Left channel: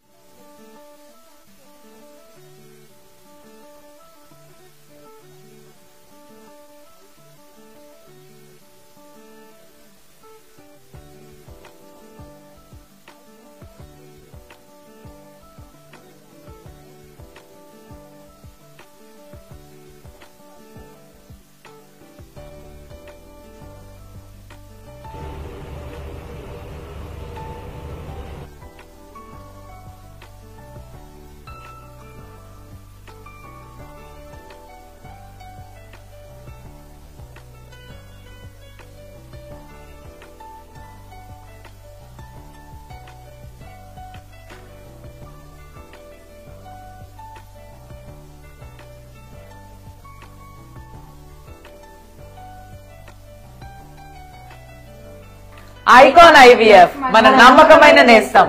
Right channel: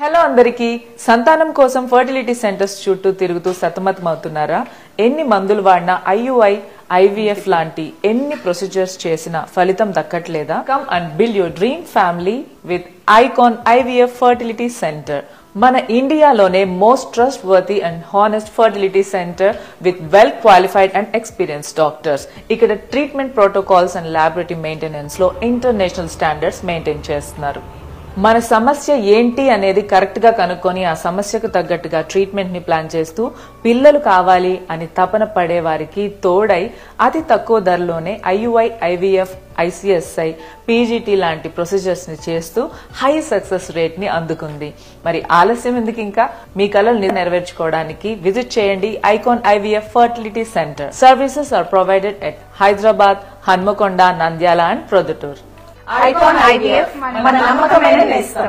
Hello అందరికీ సంతానం కోసం ఫర్టిలిటీ సెంటర్స్ చుట్టూ తిరుగుతూ సతమతమవుతున్నారా? ఎన్ని మందులు వాడినా IUI, IVF లాంటి ఎన్ని ప్రొసీజర్స్ చేసినా ఫలితం దక్కట్లేదా? Come and build your dream family with Icon IVF fertility centre. మన ఇండియాలోనే most trustworthy and honest fertility centre with well qualified and experienced doctors. ఇక్కడ treatment protocols and laboratory maintenance లో international standards maintain చేస్తున్నారు. మన సమస్య ఏంటి అనేది correct గా కనుక్కొని ఆ సమస్యకు తగ్గట్టుగా ట్రీట్మెంట్ ని ప్లాన్ చేస్తూ పిల్లలు కావాలి అని తపన పడే వారికి తోడై అతి తక్కువ ధరలోనే IUI, IVF, ICSI, PGT లాంటి ప్రొసీజర్స్ ని చేస్తూ హై సక్సెస్ రేట్ ని అందుకుంది. మరి ఆలస్యం ఎందుకు? ఇంకా మీ కలలు నెరవేర్చుకోవడానికి విజిట్ చేయండి Icon IVF fertility centre. Services are provided at Hyderabad, Hanamkonda, Nandyal and Proddatur. Icon IVF మన నమ్మకమైన నేస్తం.